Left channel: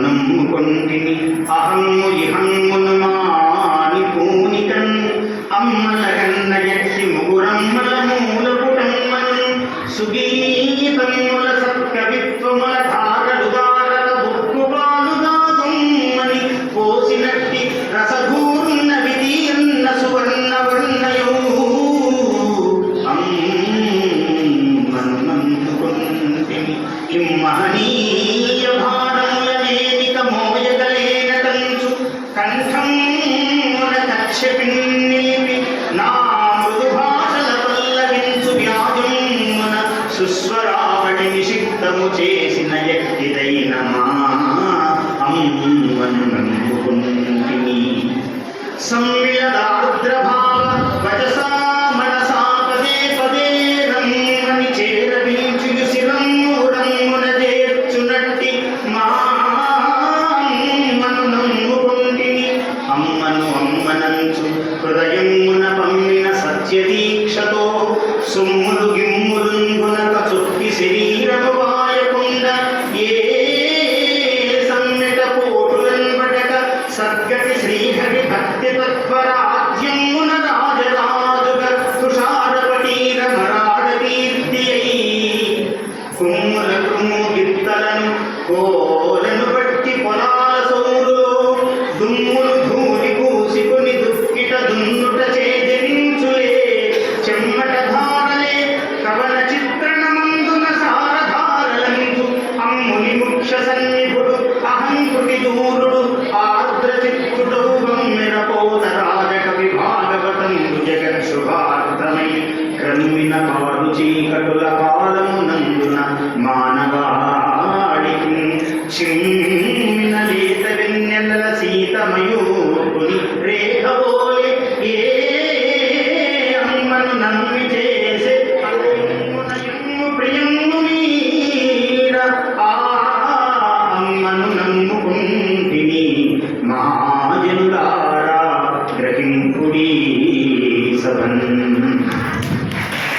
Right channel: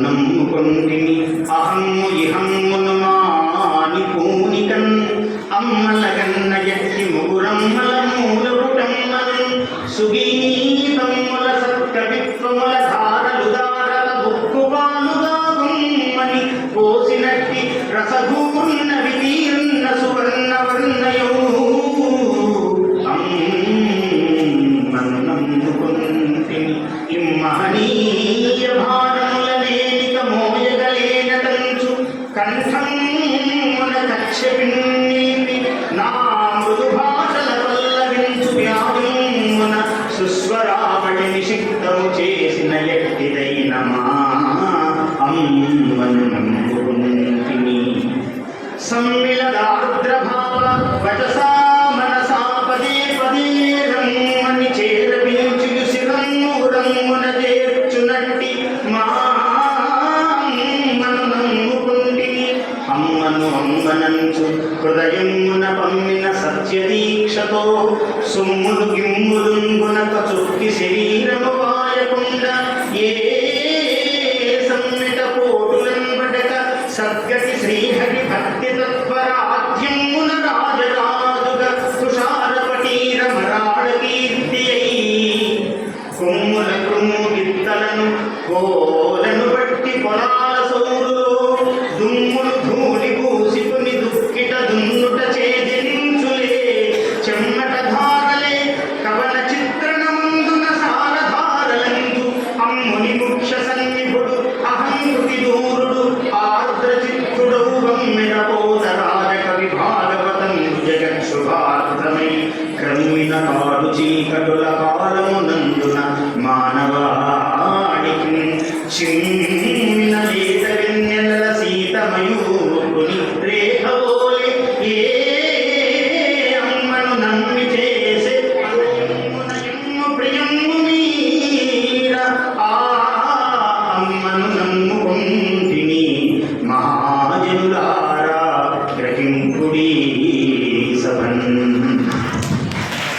నమ్ముకొంటిని అహమ్ము ఇహమ్మును మాని పూనికన్ అమ్మలగన్న ఎట్టి ముగురమ్మల మూలపుటమ్మను సుగీతమ్ముల సత్కవిత్వముల ధారలు దారల బుక్కుపాలుగా గుమ్మని పోసినట్టి రసభూర్ణ విధీయన్న సువర్ణ వర్ణయో అమ్మను నమ్ముకొంటిని ఇమ్మహనీయ కంఠమున కక్షపిన్నీపి నా మృదు భాషల పల్లవించు వ్యాధుమున సుస్వరావళి నిషిక్తము చేసిన ఎట్టిదైన మా అమ్మను నమ్ముకొంటిని సమ్మిళదార్ద్రభావ వచసా మనసా పదే పదే రమ్మని చేరవించు శిరమ్ము రమ్మున చేర్చునట్టి మా అమ్మనంచు హృదయమున పమ్మిన సత్యదీక్షతో సుమ్ములు గిమ్ములుంగునక చుక్కి శరీరము వాయకుండ ఏ సమ్మెట పోటులన్బడక సద్గతి శ్రీహరి భక్తి తత్పరాధ్యమున రాజరాజుగ తుషారపటీర మరాడ కీర్తి కొమ్ముల కొమ్ము గిత్తలను కోలను బట్టి పొలాల సౌరులో దుమ్ములు ధూళి పూసికొని దుక్కిట దున్నుట చేజించులే చెమ్మట ధారలే కవన చిత్రణమందున సారధారలందు అమ్ముని ముఖ్య సన్నిభుడు అహంకృతి దూరుడు ఆర్ద్ర చిత్తుడు గమ్మిన పోదరాజ కవి భాగవతందు జగత్ శుభార్ద్రమై క్రమ్మిన కాడు చీకటుల కాలమునందున మానవాడికి